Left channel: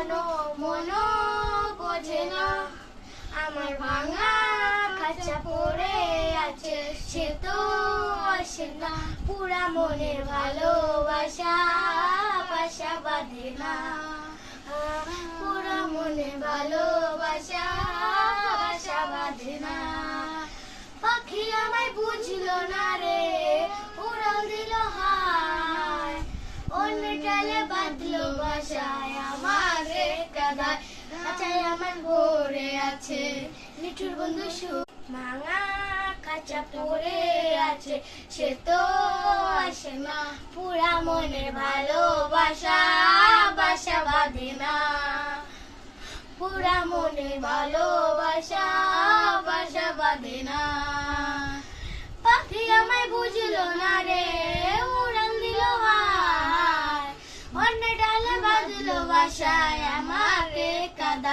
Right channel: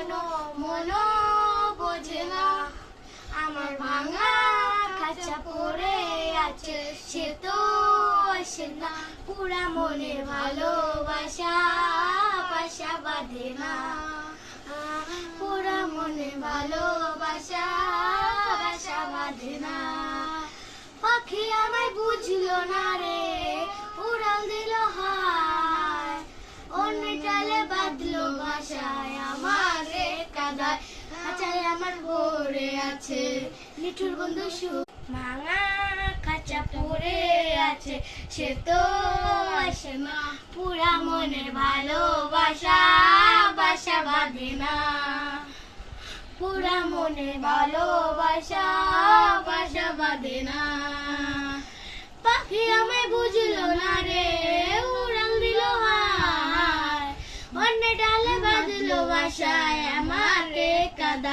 কোনো মনো বোঝে না, আমার ভাঙা খাঁচা পড়ে আছে, সে তো আসে না। পুরা মনের ভালোবাসা বাসা বাঁধে না, পুরা মনের ভালোবাসা বাসা বাঁধে না। পাখি আমায় বুঝলো না রে, উড়াল দিল হায়, অন্য ডালে বাঁধলো বাসায় আমারে কাদায়। খাঁচায় আমার পড়ে আছে নিঠুর বন্ধু সুখ, ভাঙা খাঁচা পড়ে আছে, সে তো আসে না। পুরা মনের ভালোবাসা বাসা বাঁধে না, পুরা মনের ভালোবাসা বাসা বাঁধে না। পাখি আমায় বুঝলো না রে, উড়াল দিল হায়, অন্য ডালে বাঁধলো বাসায় আমারে কাদায়।